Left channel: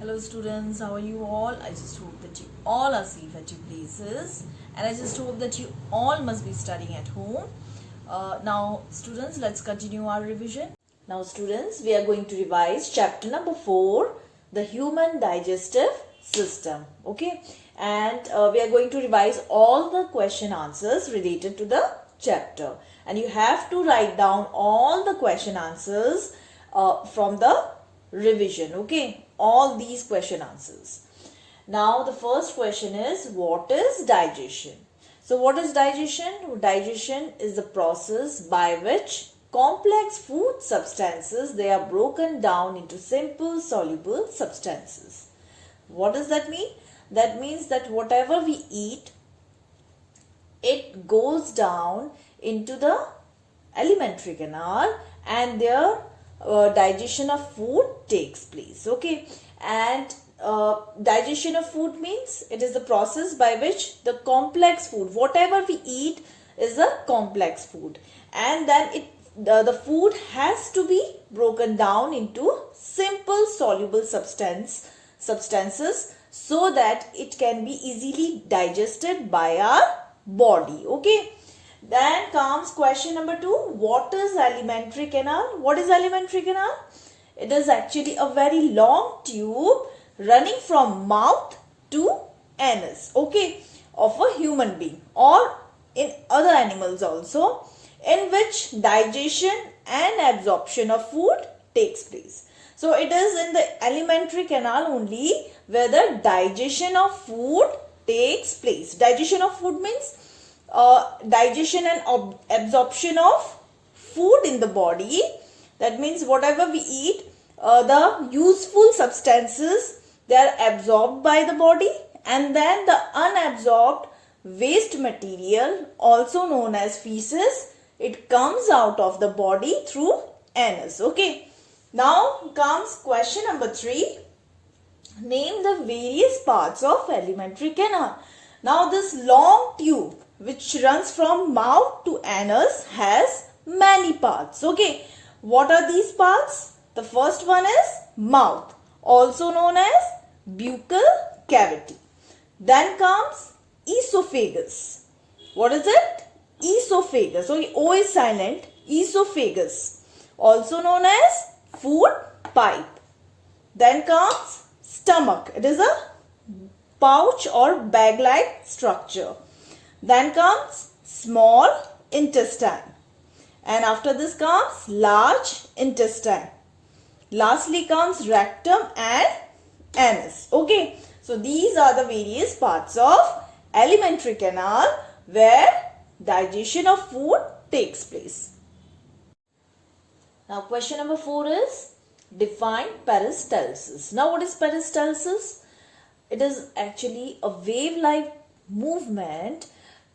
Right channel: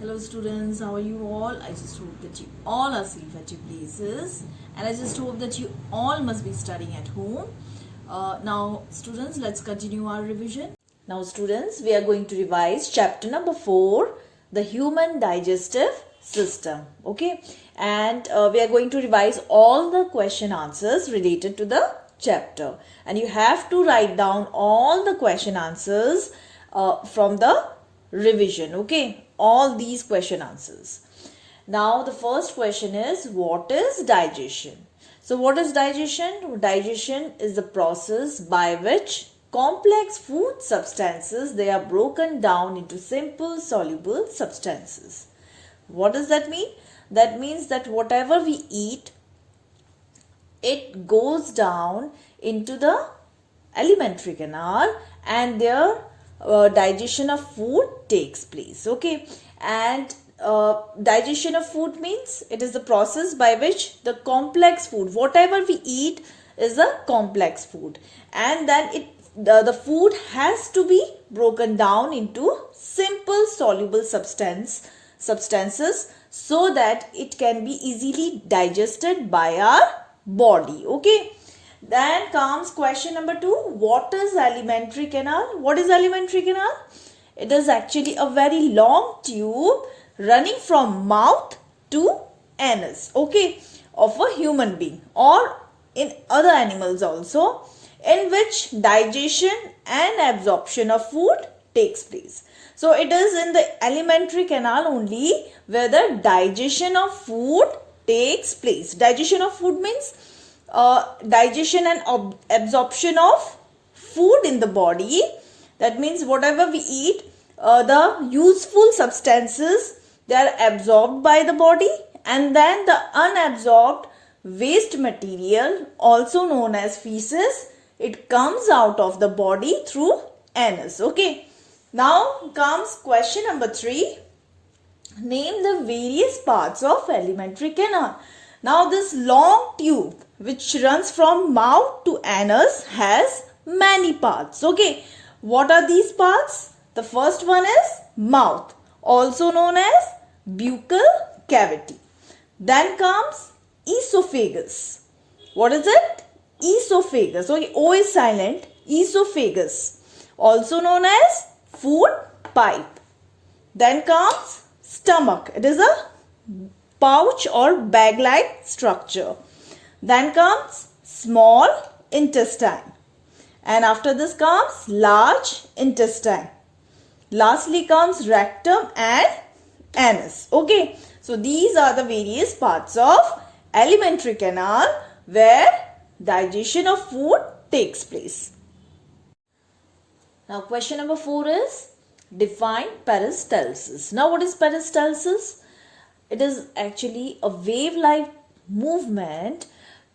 Hello students, how are you all? I just hope that you all are safe at your places, and I just hope that you all must be studying at home. Now students, let's continue our revision. Now students, we are going to revise chapter number 4, the human digestive system. Okay, and we are going to revise all the question answers related to the chapter, and you have to write down all the question answers from the revision. Okay, all these question answers. Now the first question is, what is digestion? So what is digestion? Digestion is the process by which complex food substances, they are broken down into simple soluble substances. What does that mean? That means that whatever we eat, it goes down into the alimentary canal, and there digestion of food takes place. Okay, and digestion of food means it is the process by which the complex food, whatever we eat is a complex food, and then the food has to be broken down into simple soluble substances so that it can be easily digested by our body. Okay, then comes question number 2. What is alimentary canal? What is alimentary canal? It is actually a very long tube running from mouth to anus, okay, of a human being or in other animals also, in which digestion and absorption of food takes place. So it is in the alimentary canal only where the digestion of food takes place. Digestion of food means digestion and absorption of food in the body. That means whatever we eat, the useful substances, they are absorbed by the body, and then the unabsorbed waste material, also known as feces, it comes out of the body through anus. Okay, now comes question number 3. Name the various parts of alimentary canal. Now this long tube which runs from mouth to anus has many parts. Okay, what are these parts? The first one is mouth, also known as buccal cavity. Then comes esophagus. What is it? Esophagus. Okay, O is silent. Esophagus, also known as food pipe. Then comes stomach. It is a pouch or bag-like structure. Then comes small intestine, and after this comes large intestine. Lastly comes rectum and anus. Okay, so these are the various parts of alimentary canal where digestion of food takes place. Now question number 4 is, define peristalsis. Now what is peristalsis? It is actually a wave-like movement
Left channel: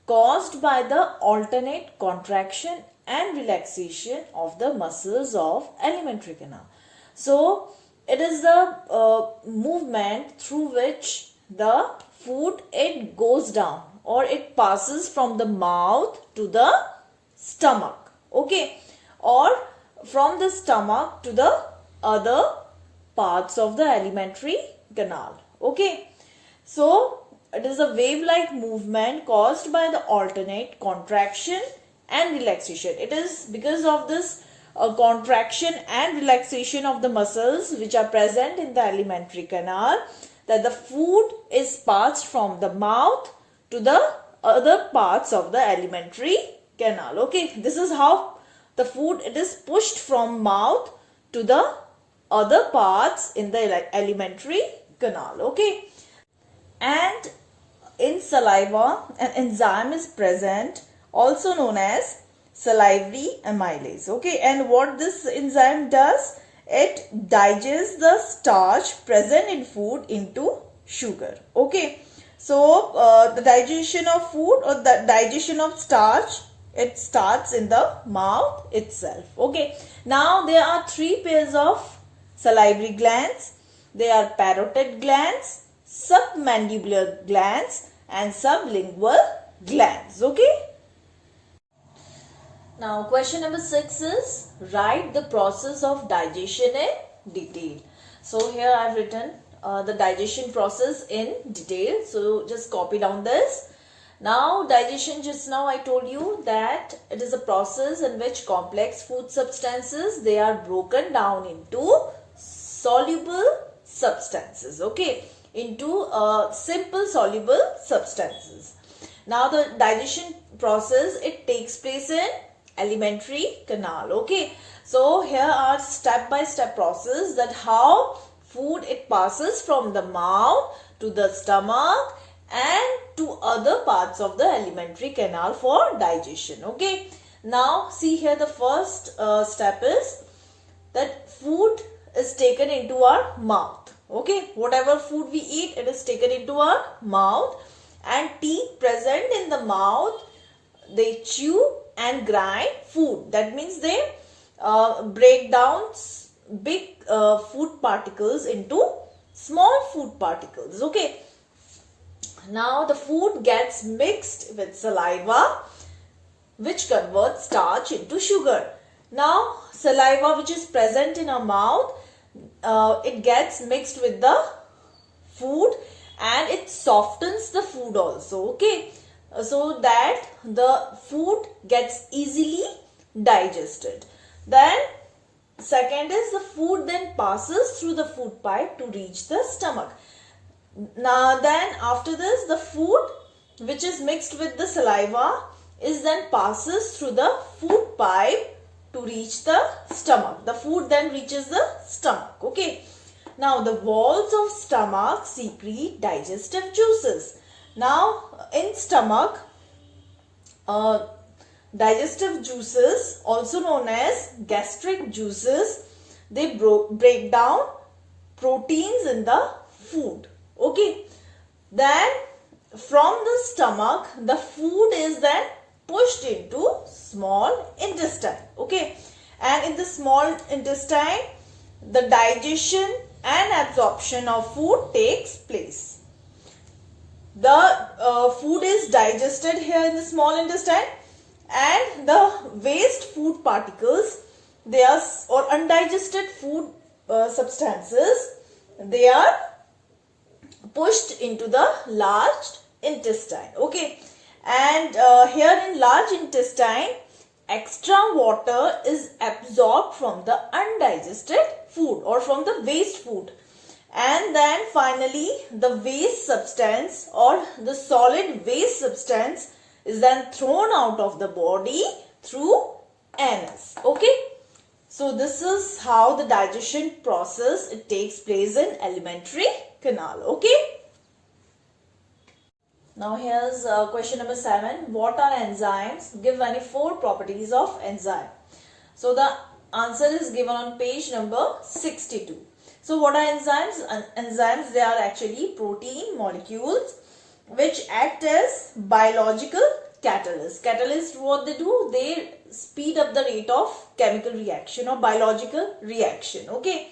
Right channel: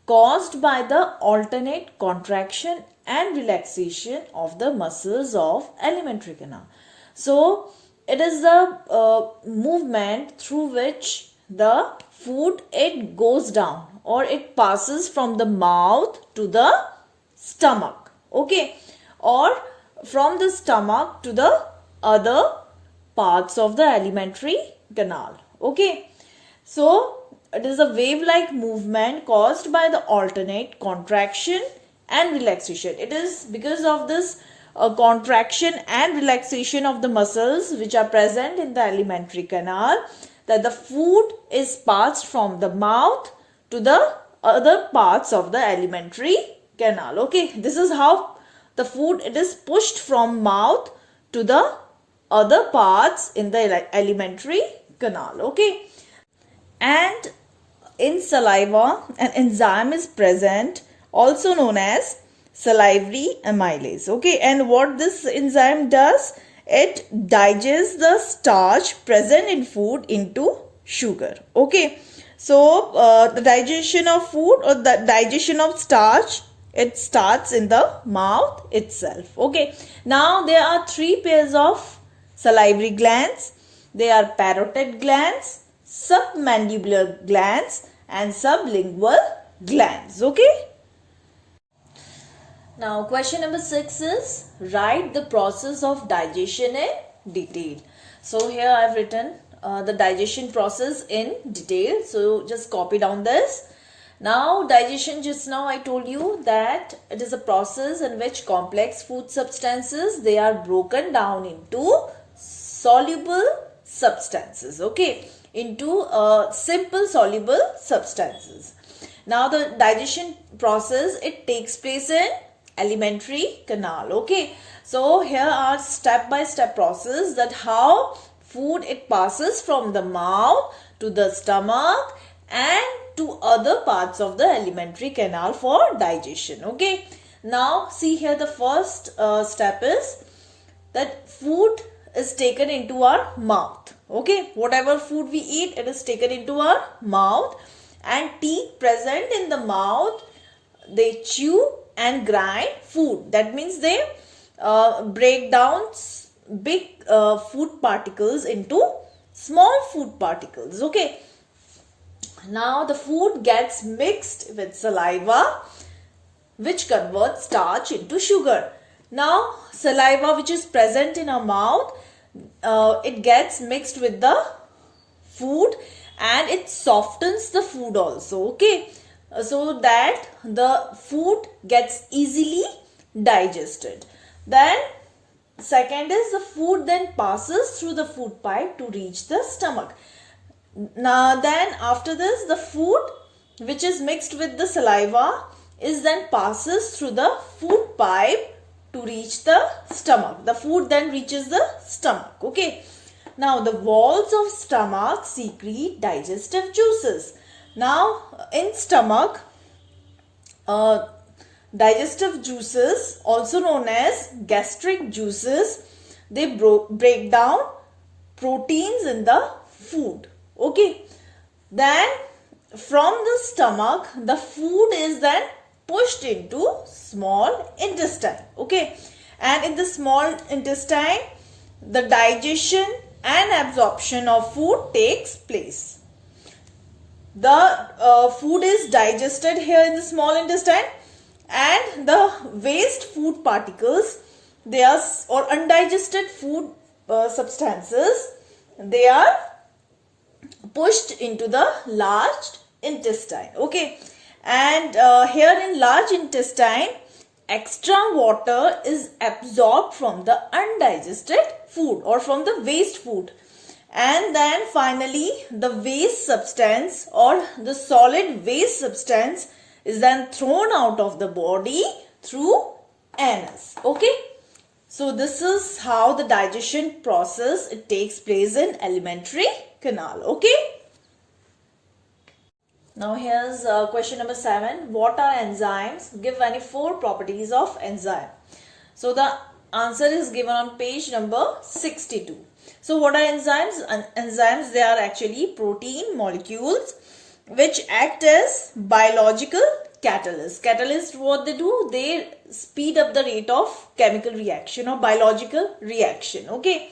caused by the alternate contraction and relaxation of the muscles of alimentary canal. So it is the movement through which the food, it goes down or it passes from the mouth to the stomach. Okay, or from the stomach to the other parts of the alimentary canal. Okay, so it is a wave-like movement caused by the alternate contraction and relaxation. It is because of this contraction and relaxation of the muscles which are present in the alimentary canal that the food is passed from the mouth to the other parts of the alimentary canal. Okay, this is how the food, it is pushed from mouth to the other parts in the alimentary canal. Okay, and in saliva, an enzyme is present, also known as salivary amylase. Okay, and what this enzyme does, it digests the starch present in food into sugar. Okay, so the digestion of food or the digestion of starch, it starts in the mouth itself. Okay, now there are 3 pairs of salivary glands. They are parotid glands, submandibular glands and sublingual glands. Okay, now question number 6 is, write the process of digestion in detail. So here I have written the digestion process in detail. So just copy down this. Now digestion, just now I told you that it is a process in which complex food substances, they are broken down into soluble substances, okay, into simple soluble substances. Now the digestion process, it takes place in alimentary canal, okay. So here are step by step process that how food it passes from the mouth to the stomach and to other parts of the alimentary canal for digestion, okay. Now see here, the first step is that food is taken into our mouth, okay. Whatever food we eat, it is taken into our mouth, and teeth present in the mouth, they chew and grind food. That means they break down big food particles into small food particles, okay. Now the food gets mixed with saliva, which converts starch into sugar. Now saliva which is present in our mouth, it gets mixed with the food and it softens the food also, okay, so that the food gets easily digested. Then second is the food then passes through the food pipe to reach the stomach. Now then after this, the food which is mixed with the saliva is then passes through the food pipe to reach the stomach. The food then reaches the stomach, okay. Now the walls of stomach secrete digestive juices. Now in stomach, digestive juices, also known as gastric juices, they break down proteins in the food, okay. Then from the stomach, the food is then pushed into small intestine, okay. And in the small intestine, the digestion and absorption of food takes place. The food is digested here in the small intestine, and the waste food particles, they are, or undigested food substances, they are pushed into the large intestine, okay. And here in large intestine, extra water is absorbed from the undigested food or from the waste food, and then finally the waste substance or the solid waste substance is then thrown out of the body through anus, okay. So this is how the digestion process, it takes place in alimentary canal, okay. Now here's question number 7. What are enzymes? Give any 4 properties of enzyme. So the answer is given on page number 62. So what are enzymes? Enzymes, they are actually protein molecules which act as biological catalysts. Catalysts, what they do? They speed up the rate of chemical reaction or biological reaction, okay.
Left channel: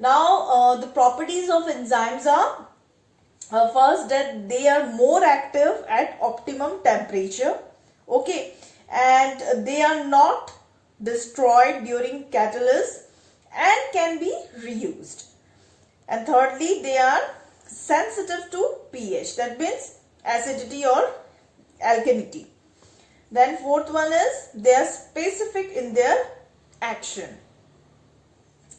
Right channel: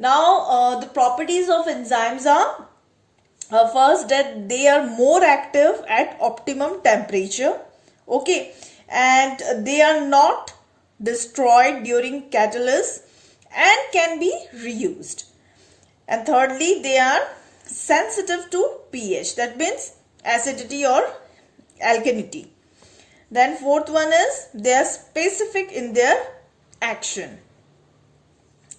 Now the properties of enzymes are, first, that they are more active at optimum temperature, okay, and they are not destroyed during catalysis and can be reused. And thirdly, they are sensitive to pH, that means acidity or alkalinity. Then fourth one is they are specific in their action.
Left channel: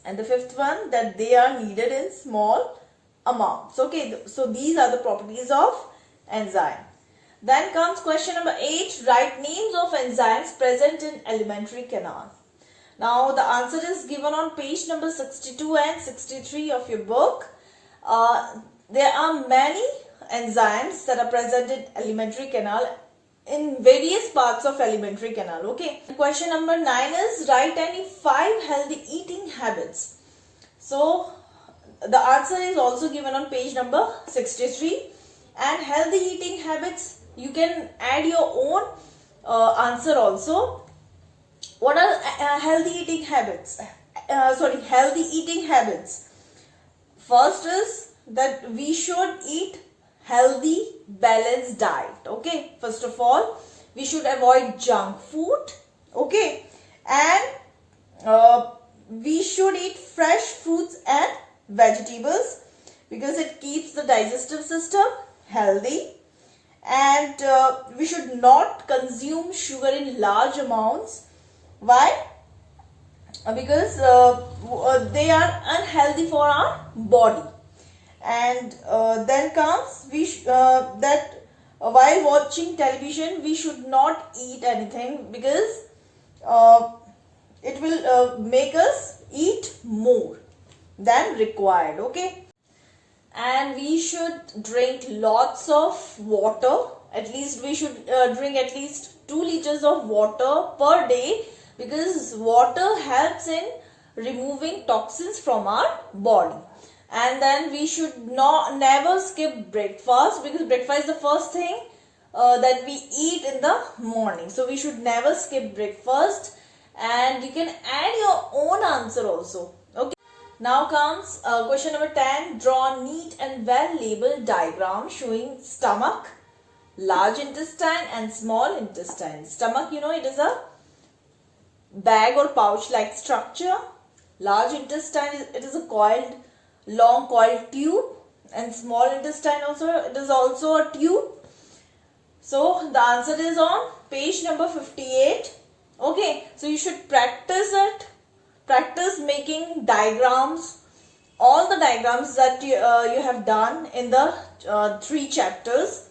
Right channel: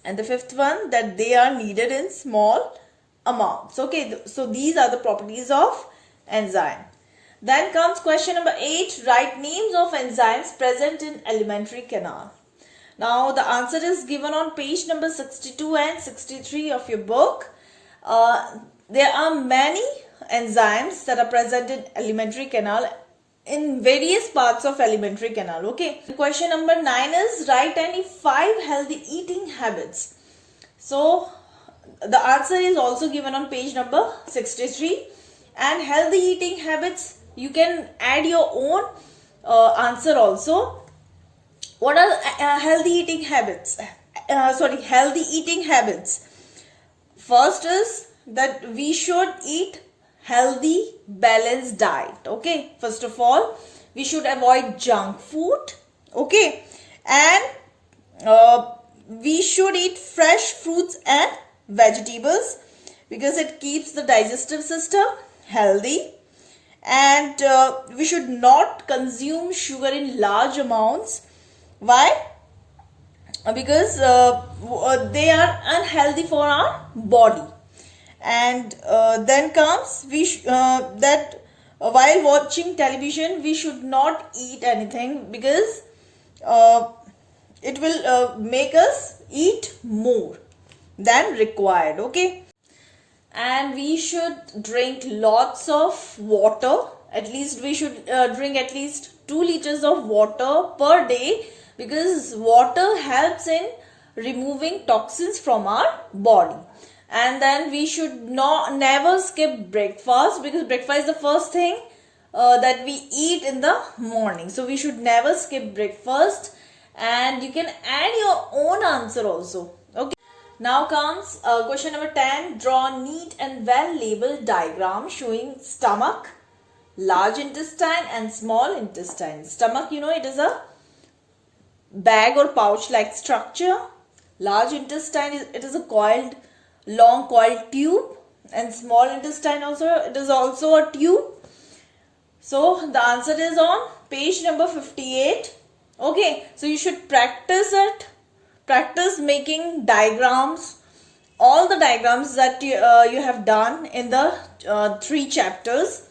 And the fifth one, that they are needed in small amounts, okay. So these are the properties of enzyme. Then comes question number 8. Write names of enzymes present in alimentary canal. Now the answer is given on page number 62 and 63 of your book. There are many enzymes that are present in alimentary canal in various parts of alimentary canal, okay. Question number 9 is write any 5 healthy eating habits. So the answer is also given on page number 63, and healthy eating habits, you can add your own answer also. What are healthy eating habits? Healthy eating habits. First is that we should eat healthy balanced diet, okay. First of all, we should avoid junk food, okay, and we should eat fresh fruits and vegetables. because it keeps the digestive system healthy. And we should not consume sugar in large amounts. Why? Because they are unhealthy for our body. And then comes that while watching television we should not eat anything, because it will make us eat more than required. Okay. And we should drink lots of water. At least we should drink at least 2 liters of water per day, because water helps in removing toxins from our body. And then we should never skip breakfast, because breakfast is the first thing that we eat in the morning. So we should never skip breakfast. And you can add your own answer also. Okay. Now comes question number 10. Draw neat and well labeled diagram showing stomach, large intestine and small intestine. Stomach, you know, it is a bag or pouch like structure. Large intestine, it is a long coiled tube. And small intestine also, it is also a tube. So the answer is on page number 58. Okay, so you should practice it. Practice making diagrams, all the diagrams that you have done in the 3 chapters.